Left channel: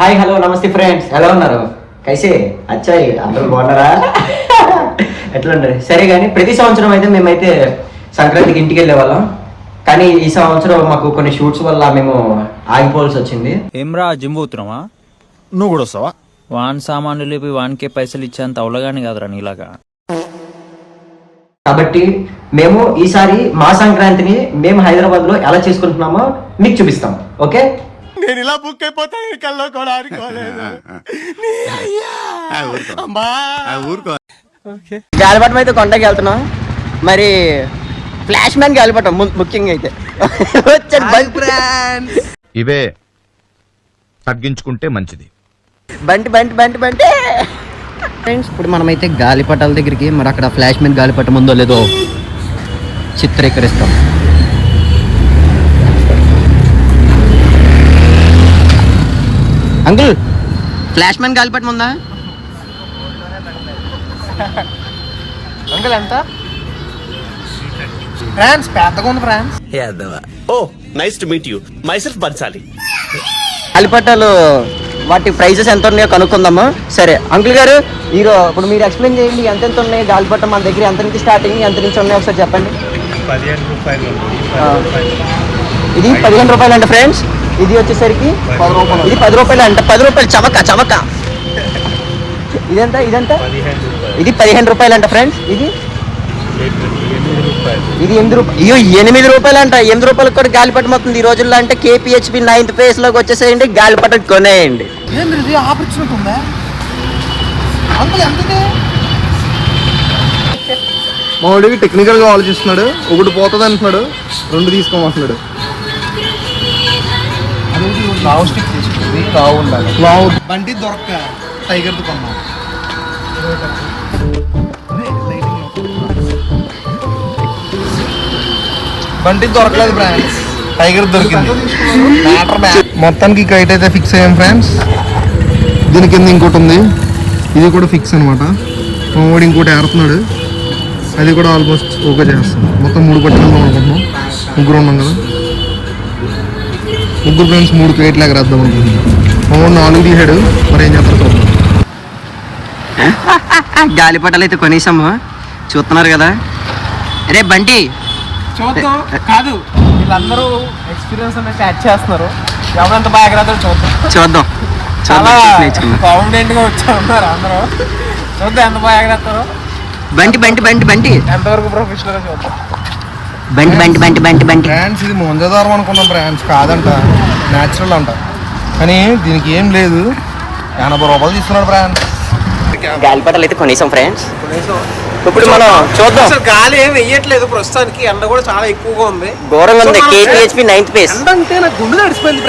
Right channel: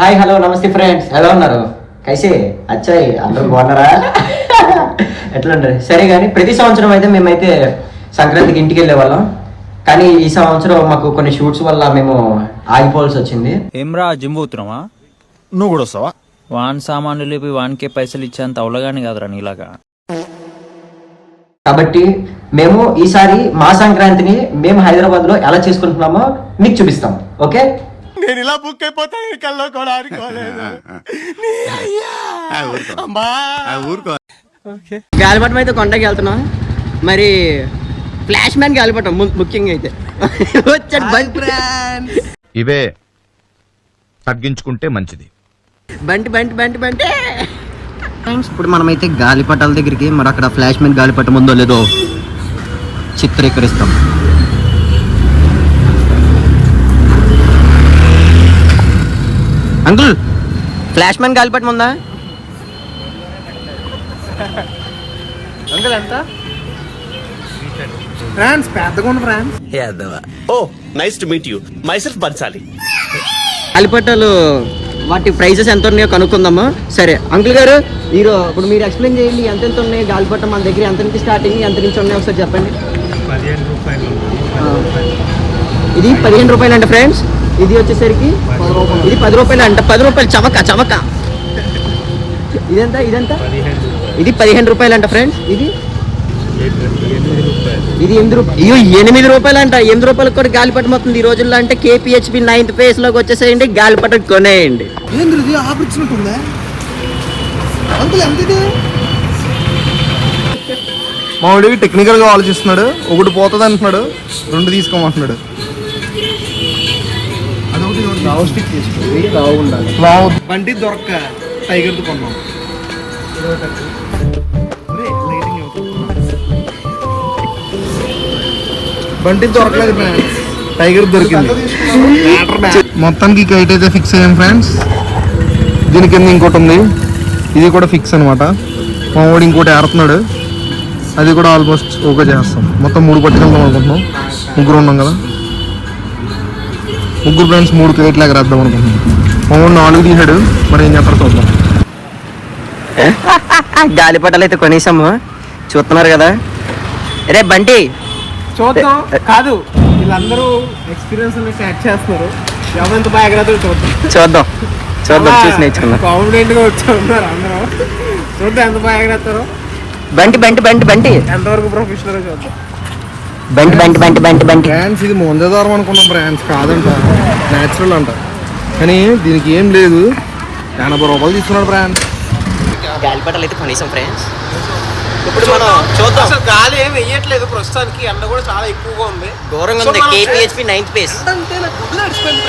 Hi hello నమస్తే friends, ఎలా ఉన్నారు? కైసే అచ్చాయి అందరూ బాగున్నారా? ఎట్లా ఉండదు సరే. కానీ ప్రతి సంవత్సరం అయితే మేమైతే సంక్రాంతికి ఇంటికి వెళ్ళే వాళ్ళం. కానీ ఈ సంవత్సరం మాకు కొన్ని షూట్స్ వల్ల మేము ఆగిపోవాల్సి వచ్చింది. ఏమ్రా జిమ్ పోతున్నావా? నువ్వు కూడా వస్తావా? వాన్ సామాన్లు లేపి వానికే పైసలు ఇచ్చేంత అవలగాని కాదురా నీలాగా. కాబట్టి మేము ఈసారి మా సంక్రాంతిని మేము హైదరాబాద్ లో ఎలా చేసుకుంటున్నామో మీకు చూపిస్తాం. ఓకే, నేను ఇలా బుక్ అయిపోతాను కల్లో కూడా అనుకోలేదు. గాలిపటం అయితే కొండకి వెళ్తున్నాం. మరి ఫ్లాష్ మ్యాన్ గాలిపటం ముఖ్యంగా అయితే ఇవే తగ్గించుకుంటే మంచిది. బంటి బంటి బంటి బంటి ఫ్రెండ్స్, ఇప్పుడు మనమైతే గాలిపటాల దగ్గరికి మరి అక్కడ ఫ్లాష్ మ్యాన్ గాలిపటం ఉందో లేదో చిత్రీకరిస్తాం. అంకుల్, ఫ్లాష్ మ్యాన్ గాలిపటం ఉందా? అంకుల్ ఎంత? ఫ్రాన్స్ పెద్దగా ఉంది France. Oh nice to meet you my self Bansali. గాలిపటాలు వాటి ప్రైజెస్ ఎంత ఉన్నాయో కనుక్కుందామా? సరే అంకుల్ గారు, ఇప్పుడు మీరు ఎక్స్ప్లెయిన్ చేయండి. ఎంతెంత ఉన్నాయి గాలిపటం మన దగ్గర? ఎంత నుంచి స్టార్టింగ్, ఎంత నుంచి ఉన్నాయి ఒకసారి చెప్పండి. 15 రూపాయలు ఉంది. ఇది 15 రూపాయలు అంట ఫ్రెండ్స్. ఇది వచ్చేసరికి 10 రూపాయలు. ఇది 10 రూపాయలు అంట. 10 రూపాయలు చవక చవక. ఇదంతా ఇదంతా 15 రూపాయలు. ఇది 15 రూపాయలు అంట ఫ్రెండ్స్. ఇది 8 రూపాయలు. ఇది 8 రూపాయలు. అయ్యో 8 రూపాయలు అంట. 8 రూపాయలకు కూడా గాలిపటం అవుతుంది ఈ రోజుల్లో. అంటే KPHP 9th phase లోకి వచ్చేసేయండి, గాలిపటం కొనేయండి. ఏంది ఆపర్చునిటీ ఉందా అంకుల్? ఎంత మావాడు టెక్నికల్ గా ఆలోచిస్తున్నాడు. ఒకటి పోతుంది అంటున్నాడు, 2 తీసుకోమంటున్నాడు. బండి దొరక్క టైగర్ తో కొన్నాం. బండి దొరకలేదు ఫ్రెండ్స్, టైగర్ దొరికింది. మొత్తానికి కైట్ అయితే ఫిక్స్ అయ్యాం ఫ్రెండ్స్. దీని కింద ఇంకోటి ఉంది, ఇది కూడా ఫిక్స్ అనమాట. మావాడు ఇంకోటి ఏరుతున్నాడు, అది కూడా ఆల్మోస్ట్ ఓకే చేస్తాం. మొత్తం 3 పట్టుకెళ్దాం అనుకుంటున్నాం. ముగ్గురు ఉన్నాం కదా, ముగ్గురు ఫ్రెండ్స్ 3 కైట్లు ఎగరేద్దాం అనుకుంటున్నాం. మావాడు 4 తీసాడు, మరి ఏం చేస్తాడు చూద్దాం. గాలిపటాలు అయితే కొనేసాము, చూస్తున్నారు కదా. రే బంటి చూద్దాం. కాదు, వీళ్ళందరూ ఎక్స్పీరియన్స్ అనేది యాడ్ చేస్తున్నారు. ఎవరెంత బాగా ఎగరేతారో చూద్దాం. చూద్దాం చూద్దాం, చూసి నేర్చుకున్నాం. కాన్ఫిడెంట్ గా వచ్చి ఉన్నారు అందరూ. చూద్దాం ఎంత బాగా ఎగరేస్తారో. బంటి బంటి బంటి బంటి ఎంతవరకు ప్రొఫెషనల్ చూద్దాం. బంటి బంటి బంటి బంటి బంటి బ్రాండ్స్ ఇది ముంజదారం అనుకున్న బ్రాండ్స్ కాదంట, న్యాచురల్ అంట. కానీ దీనికి ఏం లేదు, 80 రూపాయలు తీసుకున్నాడు బ్రాండ్స్. గాలిపటాలు అయితే కొనేసాం ఫ్రెండ్స్. ఇప్పుడు మనం చూద్దాం. అసలు గాలి ఏం వెయ్యట్లేదు ప్రస్తుతానికి. ఎండ కూడా చాలా ఎక్కువగా ఉంది, ఘోరంగా ఉంది. KPHP 9th phase. ఎండ అంటే నాకు గుండె తడిసిపోయింది.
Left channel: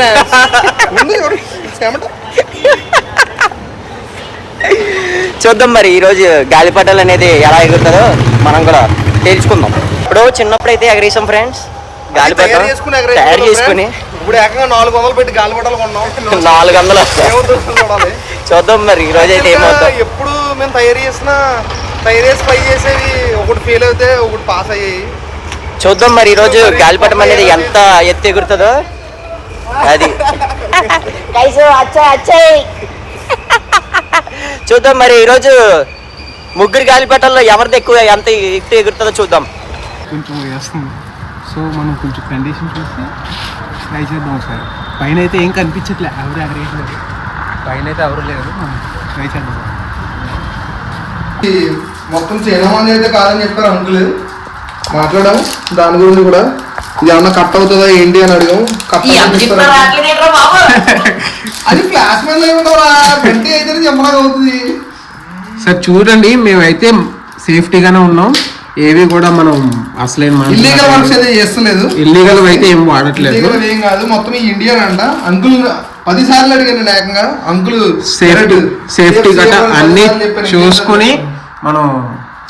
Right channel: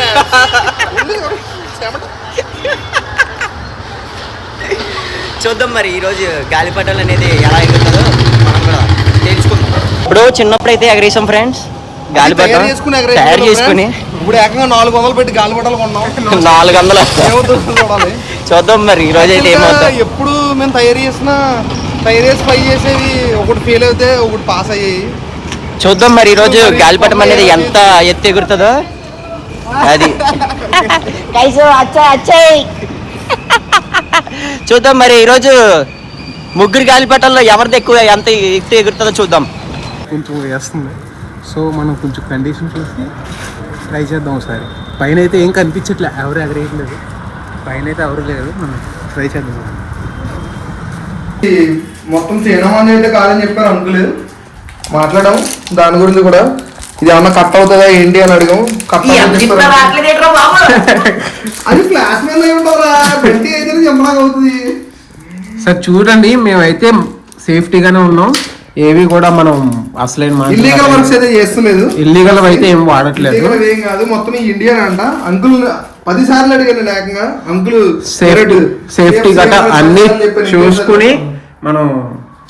చూద్దాం మరి ఈ రోజు గాలిపటాలు అనేది ఎలా ఎగురుతుందో మనం కూడా తెలుసుకుందాం. ఇప్పుడు చిన్నప్పుడు అయితే ఎగరేసాం ఫ్రెండ్స్. తయారు చేసుకుని ఇప్పుడు ఏకంగా 400 పెట్టి గాలిపటాలు కొన్నాం. 400. చూద్దాం మరి ఈ రోజు అయితే ఎప్పుడు మేము తయారు చేసి ట్రై చేసేది, ఒకటి ఫెయిల్ అయితే ఒకటి పాస్ అయ్యాయి. చూద్దాం మరి ఈ రోజు గాలిపటం అనేది ఎంత ఎత్తు ఎగురుతుందో. అది చూద్దాం మరి ఈ రోజు ముగ్గురు గాలిపటాల్లో ఎవరిది ఎక్కువ ఎంత ఎత్తు ఎగురుతుందో చూద్దాం. కొంచెం వేస్తుంది, సో మనం కొంచెం కండిషన్ చూసి ట్రై చేద్దాం ఒకసారి. పైన అయితే ఏం కనిపించట్లే, ఎవరు ఎగరేయట్లేదు. పైన అయితే ఎవరు లేదు, మనం ట్రై చేద్దాం. మొత్తం చేయడం అయితే కాదని చెప్పారు అంకుల్. మాట్లాడాం దాని గురించి కూడా. ఇది ఏమన్నా కట్ అవుతుందా ఏంటి అని అడిగాం. అది ఫ్లాష్ మీద అంటే అయితే చెప్పడం అవుతుంది. సార్ చూడండి, మేమైతే సేఫ్టీగానే ఉన్నాం. ఏవి కూడా మనం అసలైన ఇల్లీగల్ వర్క్స్ అయితే చేస్తలేదు. ఇల్లీగల్ అయితే ఏం వాడట్లేదు. ఏం కాదు, మొత్తం ఇండియన్ అంట. అంకుల్ 10 సార్లు అడిగాను ఏకంగా. అంకుల్ సేఫ్టీ గట్రా అన్ని చూసుకుని మనం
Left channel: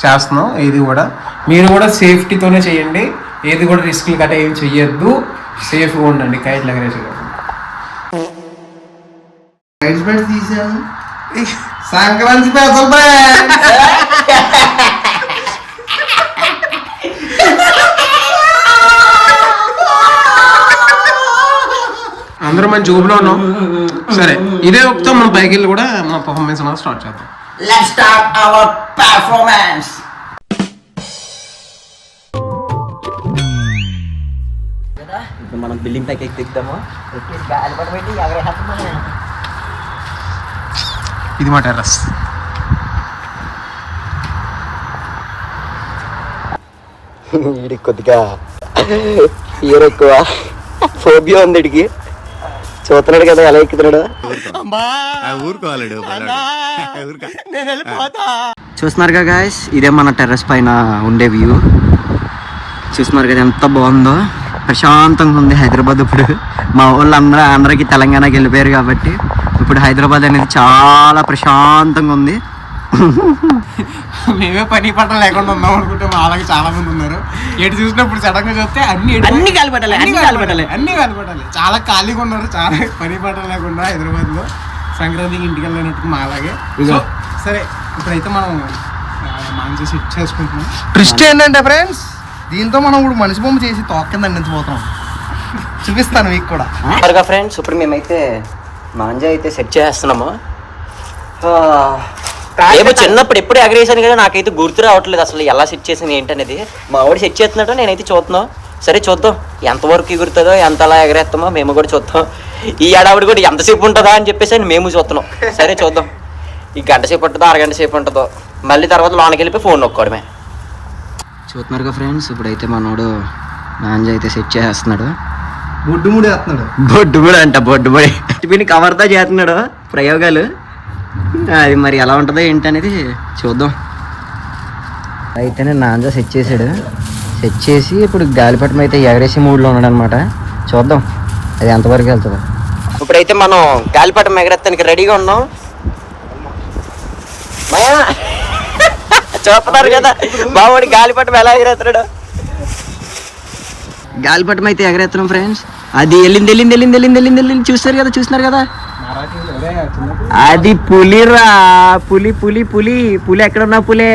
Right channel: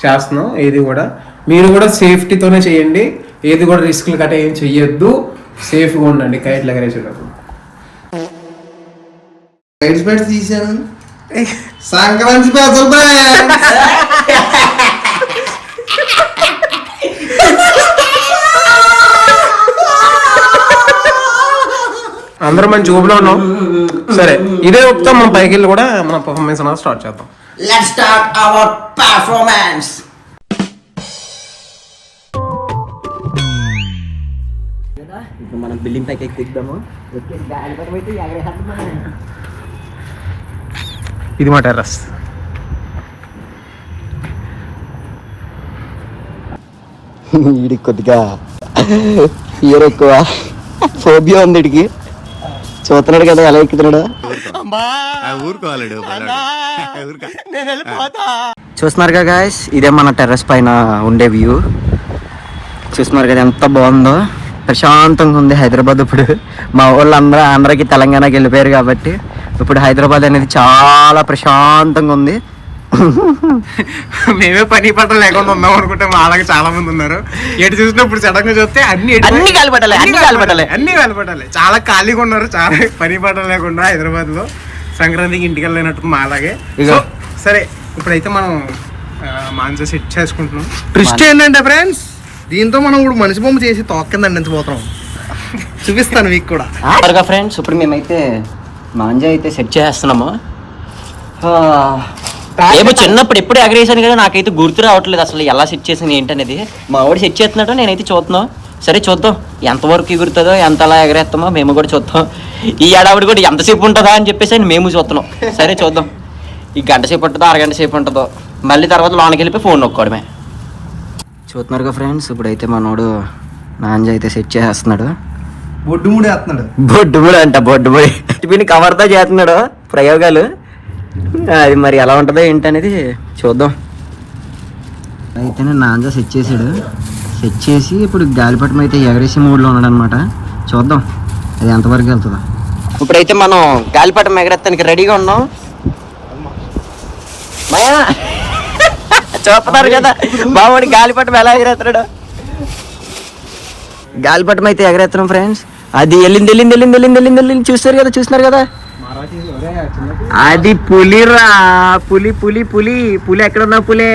చేస్తున్నాం. ఏది కూడా మీరు కూడా సేఫ్టీతోనే చేయండి. ఏది కూడా రిస్క్ గట్రా ఏం చెయ్యొద్దు. సేఫ్గా ఉండండి కైట్లు ఎగరేసేటప్పుడు. రైడ్స్ బెడ్స్ తీసాను. సంక్రాంతి స్పెషల్ అందరం మంచి ఊపులో ఉన్నాం. సరే ఇదే ఒప్పుతో మనం పైకి వెళ్ళి కూడా మన పర్ఫార్మెన్స్ అనేది స్టార్ట్ చేద్దాం. Let's start our performance. ఇప్పుడు మనం బిల్డింగ్ పైకి ఎక్కిద్దాము. ఇది మా టెర్రస్. వీడికి కొద్దిగా ఎక్కువ ఫోబియా ఉంది వీడికి. చూస్తున్నాడు కదా ఎలా ఎక్కుతున్నాడు. చూస్తున్నారు కదా గాయస్, ఇదే మన టెర్రస్ పైన ఉండే వ్యూ. చూస్తున్నారు కదా ఎంత బాగుందో, ప్రశాంతంగా ఉంది హైదరాబాద్. ఇప్పుడు మా వాళ్ళు అందరికి తెలంగాణకి వెళ్ళిపోయారు కాబట్టి ఇప్పుడు హైదరాబాద్ అనేది చాలా ప్రశాంతంగా ఉంది. మేమే పని పట్ట లేకుండా ఉన్నాం అనుకుంటే మా అలాగే చాలా మంది ఉన్నారు. ఎటు చూసినప్పుడు సడన్ గా చూస్తే అన్ని కాలిపట్టాలి. చాలా ఖాళీగా ఉన్నారు, చాలా పని పట్ట లేకుండా హైదరాబాద్ లో సంక్రాంతికి ఇంటికి వెళ్ళినట్టు మా అలాగే. సరే ఇప్పుడైతే మనం మాంసం సెట్ చేసుకుంటున్నాం. ట్విస్ట్ ఏంటంటే ఫ్రెండ్స్, దీంతో మనం ఇప్పుడు మనిషి బొమ్మ చేసి తోక కింద అందించబోతున్నాం. చూపిస్తాను మీకు కూడా. ఫ్రెండ్స్ ఇప్పుడు మేమైతే మాంజా అయితే సెట్ చేస్తున్నాము. ఏమో చిన్నప్పుడు ఎప్పుడు ఎగరేసాను కదా, నాకైతే గుర్తు రావట్లేదు అసలు ఎలా సెట్ చేసింది ఏంటనేది. మా వాడు సెట్ చేస్తున్నాడు, నేనైతే చూస్తున్నాం. సరే చూద్దాం ఎంతవరకు ఎగురుతుందో, ఎంత అలా ఎగరేస్తామో మేము కూడా చూద్దాం. ఈ ఏడావిడ కూడా ఎంతసేపు ఉంటుందా అని చెప్పేసి మేము చూస్తున్నాం. సరే చూద్దాం, ఈ గంట సేపు ఉంటుందో అరగంట సేపు ఉంటుందో, మళ్ళీ తర్వాత లోనికి వెళ్ళిపోయి ఫోన్ నొక్కోవడమే. చూస్తున్నారుగా ఫ్రెండ్స్, ఇప్పుడైతే మనోడు నాంజ అయితే సెట్ చేస్తున్నాడు. బొడ్డుముడి వేస్తున్నాడు. బొడ్డుముడి కవర్తో చేస్తున్నాడు ప్రయోగాలు. అది మరి ఎలా ఉంటుందో ఏంటనేది చూద్దాం. అయితేనే నాంజా సెట్ చేసాడు. సెట్ చేసి ఇప్పుడు గాలిపటం అయితే ఎగరేసి మూడ్లో ఉన్నాడు అనమాట. చూద్దాం అది ఎంతవరకు వెళ్తుందో. ఇప్పుడైతే మనం గాలిపటం ఎగరేస్తానికి రెడీగా ఉన్నాం. చూస్తున్నారు కదా బాబుని గాలిపటం ఎలా ఎగరేస్తున్నాడు. గాలిపటం అయితే ఎగరేస్తున్నాం ఫ్రెండ్స్. అది వెళ్ళింది చూస్తున్నారు కదా. అది పులిరా, పులి ఎక్కడున్నా పులి.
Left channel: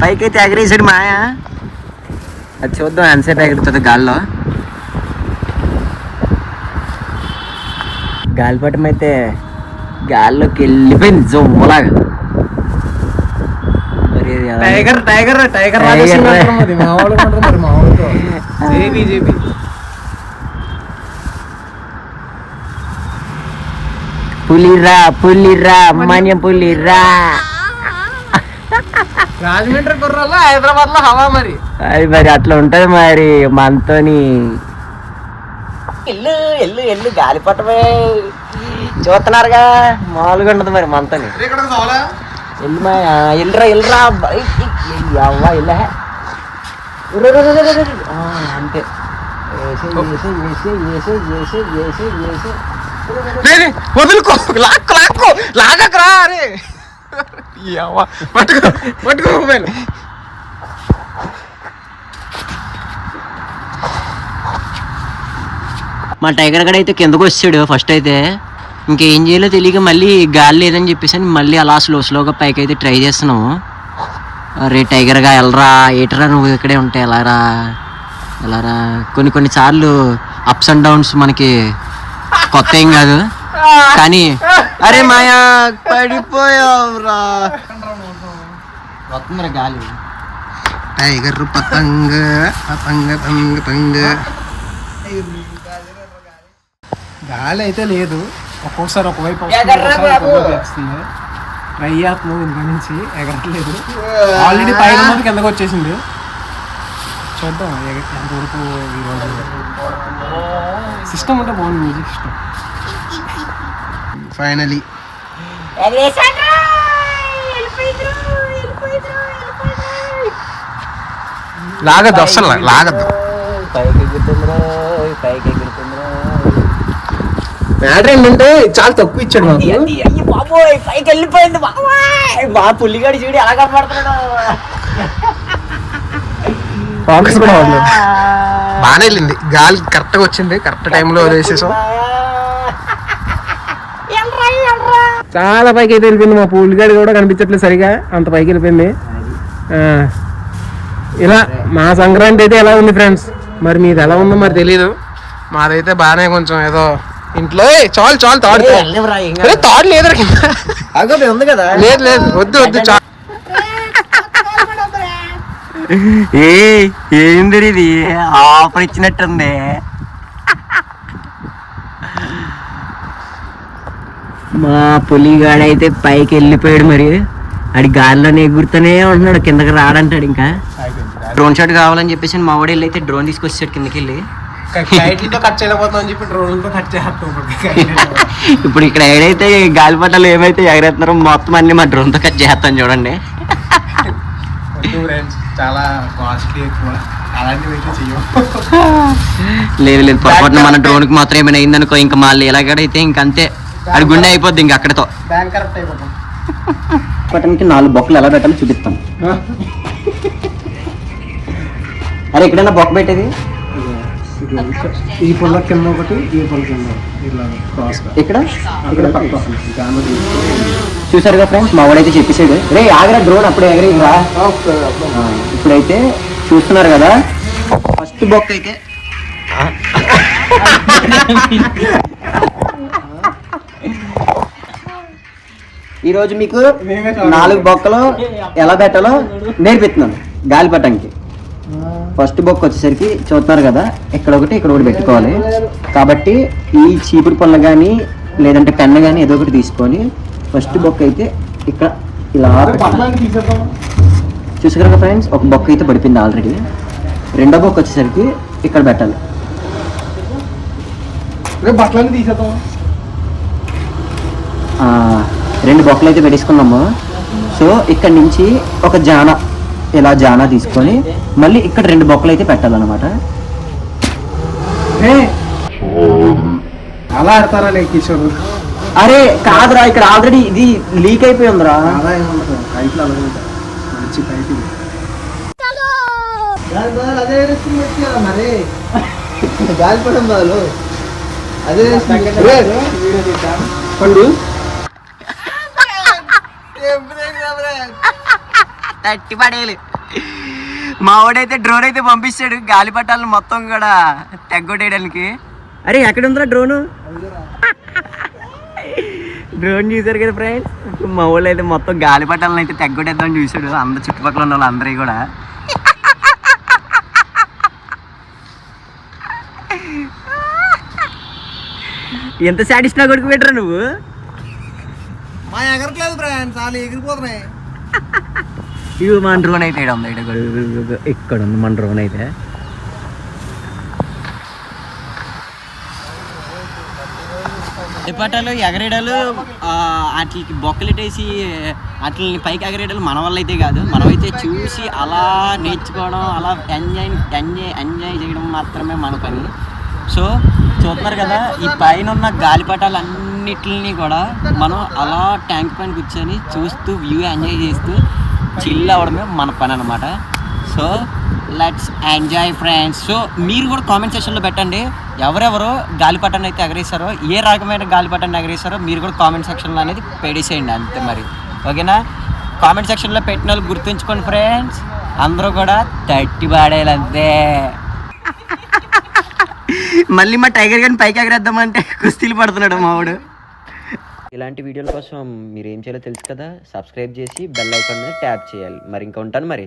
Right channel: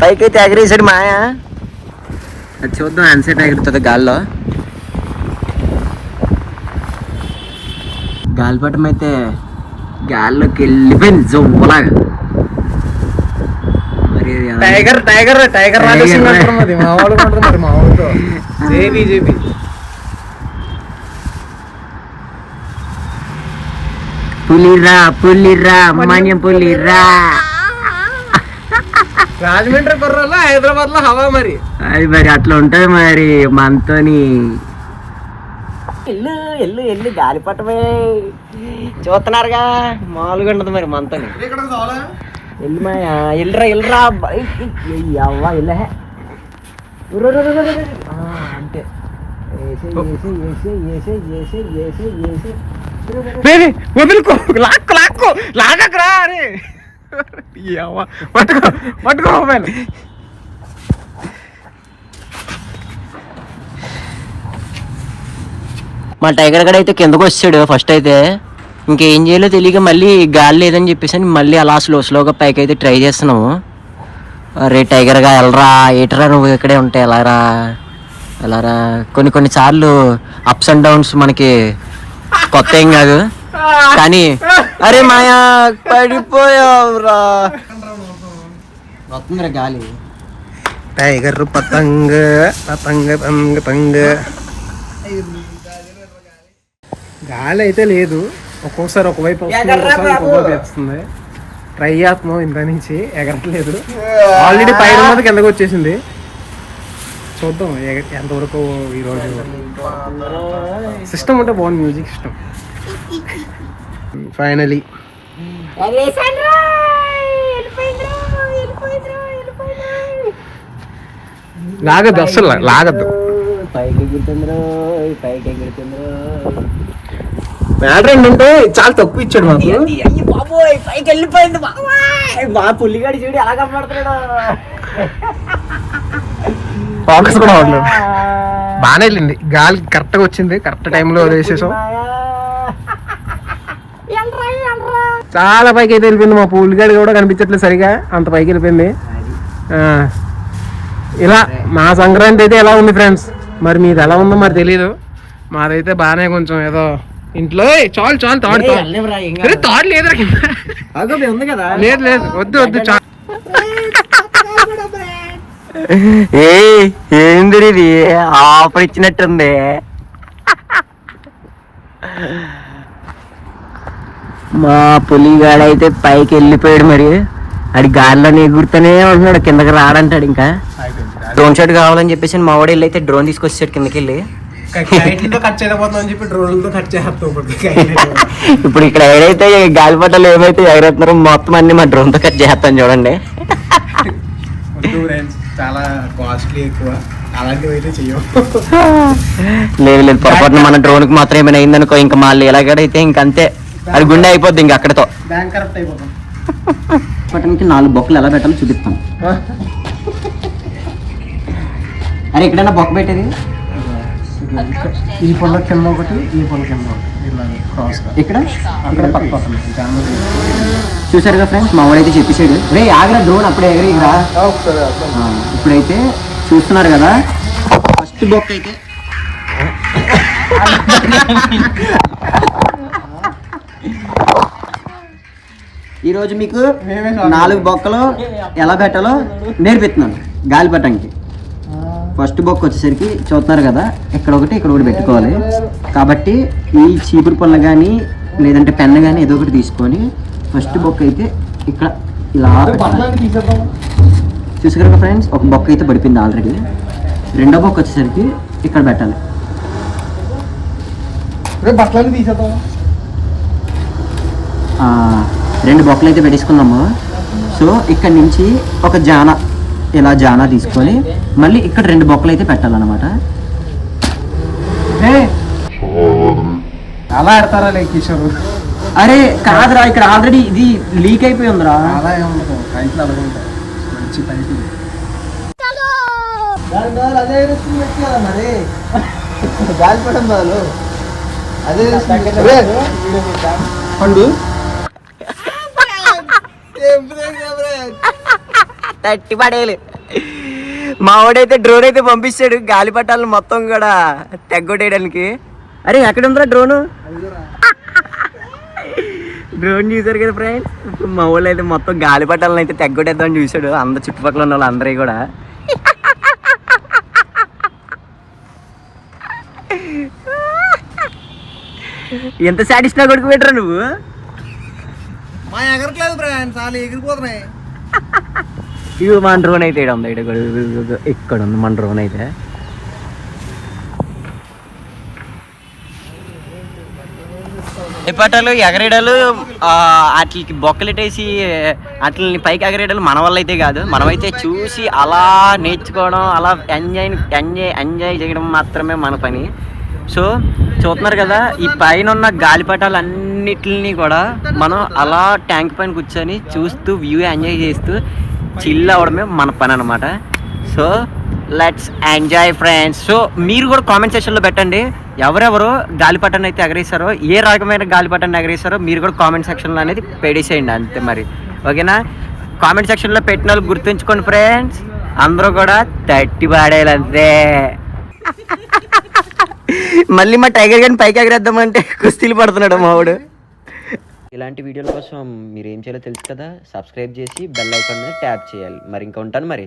పైకి అయితే ఎగరేసాడు మాయా. అది చూద్దాం ఎంతసేపు ఎగురుతుంది గాల్లో. గాలిపటం అయితే గాల్లోకి వెళ్ళిపోయింది జోలాగా. టైగర్ పులిరా మన్యం పులిరా. రాజమండ్రి కుర్రలో హైదరాబాద్ లో హవా మరి. అది మరి అట్లా ఉంటది మరి మనతోని. ఎల్లు గాలిపటమే చూస్తున్నారుగా, మామూలుగా ఉండదు మరి మనతో. ఎల్లురా అంతే. వదులుకో, లాగకరా. అరే పట్టుకో మొబైల్. మా టైగర్ గడ అయితే కిందకు వచ్చాడు ఫస్ట్ అయితే. ఇంకేం చేయాలో తెలియక మళ్ళీ గాలి లేదని చెప్పేసి మళ్ళీ అలా స్లోగా పైకి అయితే ట్రై చేస్తున్నాము. అరే టైగర్గా వెళ్ళరా, ఏటరా నువ్వు ఇక్కడే ఉంటే ఎలారా. కొన్ని సార్లు అప్స్ అండ్ డౌన్స్ మనకి కొత్త ఏం కాదు కానీ. అరే మాయా పడిపోయావురా. వస్తుందిరా గాలి. టైగర్ పతంగ. గాలి అయితే లేదు, ఒక్కోసారి ఒకవైపు వస్తుంది, ఒక్కోసారి ఒకవైపు వేస్తుంది. ట్రై చేస్తున్నాం ఇంత నుంచి, ఎగరట్లేదు. ఆల్రెడీ పైన ఉన్నది కిందకు వచ్చేసింది. చూద్దాం ఎంతవరకు ఈరోజు. సిస్టమ్ ఉంటే బాగుంది, మ్యూజిక్ సిస్టమ్. ఫైనలీ లాగద్దు, అస్సలు లాగద్దు. మ్యాటర్ ఏంటంటే చాలా తక్కువ ఇచ్చాడు మాకు. బాబోయ్ పైకి వెళ్ళిపోయింది బాబోయ్. మా పుల్లిగాడి చూడి ఎలా కనపడుతున్నాడు. ఫోకస్ కూడా అవ్వలేదు. బాగానే వెళ్ళింది, గాలి కరెక్ట్గా వచ్చింది, కరెక్ట్ టైంలో వదిలేసేసాం. చాలా పైకి అయితే వెళ్ళిపోయింది. మా పుల్లిగాడి కూడా కనిపించట్లేదు సరిగా, అంత పైకి వెళ్ళిపోయింది. ఇలా మా సంక్రాంతి అయితే ఎలా ఉంది ఫ్రెండ్స్. మరి మీది ఎలా ఉందో మరి తెలీదు. మాదైతే బాగానే కొంచెం ఏదో ఇంట్లో చాలు చాలు తాడు తాడు లేదురా కింద. ఉంది కదా. లేదు లేదు వద్దు వద్దు చాలు. ఏంది ఇది ఆఫర్ ఇచ్చినట్టుంది. మా పులిగాడైతే పైకి వెళ్ళిపోయాడు. మరి ఆడి గాలిలో ఎగురుతూనే ఉంటున్నాడు, కిందకి రాడంటాడు. ఇంకా డ్రోన్ షాట్ కావాలని చెప్పేసి మా వాడు వెళ్ళి అయితే డ్రోన్ తీసుకొచ్చాడు కిందకి వెళ్ళి. కట్ చేయలేకపోతున్నాం అని చెప్పి డ్రోన్లతో కట్ చేస్తాం. ఇప్పుడు ఇక్కడ ఏడైతే గాలిపటాలు ఏమైతే ఎగరేస్తున్నారో మొత్తం అన్ని మా డ్రోన్ తో కట్ చేస్తాను చూడండి. చాలా కాస్ట్లీ ఎక్కువ, అలాంటివి అయితే చెయ్యం. లేదు లేదు, పొరపాటున మన డ్రోన్ కి మాత్రం ఏమైనా అయిందనుకో ఇంకా మళ్ళీ ఎలాగడైతే ఇంకంతే, అది గుండె అయిపోద్ది ఇంక అక్కడతో. బ్యాంక్ కరెక్ట్ అయిపోతాం. పట్టణానికి 4 బొక్కలు ఎలా పెట్టాలో చూపిస్తాను. అరే ఎక్కడైనా బొక్క పెట్టేది ఈ పొల్ల కింద ఒకటి, ఈ పొల్ల కింద క్రాస్ ఇక్కడ ఇక్కడ చూసారుగా ఫ్రెండ్స్, మా వాడైతే చెప్పేసాడు రే ఆగరా డ్రోన్ అప్పుడే ఎగరేగిరా. ఇప్పుడైతే చూస్తున్నారు కదా, ఫస్ట్ బొక్క అయితే ఈరోజు మీకు 4 బొక్కలు ఎలా పెట్టాలో నేర్పిస్తున్నాను గాలిపటానికి. ఫస్ట్ బొక్క వచ్చేసరికి చూస్తున్నారు కదా, ఇక్కడ ఒకటి పెట్టుకోవాలి. కాబట్టి ఈ చీపురు పొల్ల కానీ లేదంటే పెన్ను కానీ ఏదో ఒకటి తీసుకొని ఫస్ట్ బొక్క అయితే ఇక్కడ ఇలా పెట్టాలి. చూసారు కదా ఫ్రెండ్స్, ఒక బొక్క అయితే పడిపోయింది ఆల్రెడీ. రెండో బొక్క వచ్చేసరికి ఇక్కడ పెట్టాలి. బట్టలన్నీ తీసేద్దాం. 2 బొక్కలు అయితే పెట్టేసుకున్నాము. సో ఇక్కడ నుంచి ఒక జానా, ఇలా జానా తీసుకొని మళ్ళీ ఇక్కడ 2 బొక్కలు అయితే పెట్టాలన్నమాట. అలా ఆడతారా కిషోర్? అరే కాదురా, ఇక్కడ ఆల్రెడీ ఇది లీక్ అయిపోయి ఉందిరా. మరి గాలిపటం బదులు అదే తట్టి పడేయాలి. మా వాడైతే డ్రోన్ అయితే పంపిస్తాడు గాలిపటాలను మొత్తం కూడా తెగ్గొట్టేయడానికి. అరే ఎక్కడ ఉందిరా డ్రోన్? డ్రోన్ చూసారు కదా ఫ్రెండ్స్, మా వాళ్ళు అయితే మొత్తం గాలిపటాలను అయితే తెగ్గొట్టేద్దామని చూసాడు. అందరు చుట్టుపక్కల ఉన్న వాళ్ళు అందరూ కూడా. ఎంత సాటిస్ఫై కొడుకు పెట్టరా నువ్వు? మా ఎగరట్లేదు ఫ్రెండ్స్, చాలా ఎగిరిపోతున్నాయి. ఇవి మన డ్రోన్ అయితే ఇక్కడ ఉంది, ఇక్కడ ఉంది మన డ్రోన్ అయితే. పటాలు ఎగరేడాలు వాటికి బొక్కలెట్టేసి వాటిని పైకి ఎగరేడాలు మన వల్ల అయితే కాదు. మనమైతే చూసి అలా నేర్చుకోవడం, అలా ఎంజాయ్ చేయడం మాత్రమే మన పని. సో చూస్తున్నారు కదా, ఈ పైన ఉన్న గాలిపటాలన్నిటిని కూడా మనం అలా ట్యాంక్ పైన కూర్చొని చూస్తూ వ్యూ ఎంజాయ్ చేస్తూ చిల్ అవ్వడమే మన పని అనమాట. So let's enjoy friends. So మీరు కూడా కామెంట్ సెక్షన్లో పెట్టండి, ఎవరెవరు గాలిపటాన్ని అయితే ఎగరేస్తారో, ఏ రకమైన గాలిపటాన్ని ఎగరేస్తారో మీరు కూడా కామెంట్ సెక్షన్లో అనేది పెట్టేసేయండి అంతే. మరి ఓకేనా? కామెంట్ సెక్షన్లో పెట్టిన వాళ్ళు గుర్తుంచుకోండి ఫ్రెండ్స్, అందరూ కూడా తట్టి పాడేయాలి అంతే. మళ్ళీ మా టైగర్ గారిని పైకి ఎగరేద్దామంటే కుస్తీలు పడుతున్నాడు మా వాడు. ఇలాంటి వీడియోల కోసం మీరు ఏం చేయాలో తెలుసు కదా, సబ్స్క్రైబ్ చేసి బెల్ ఐకాన్ మీద ట్యాప్ చేయాలి. మరి ఇంకా ఉంటాను మరి.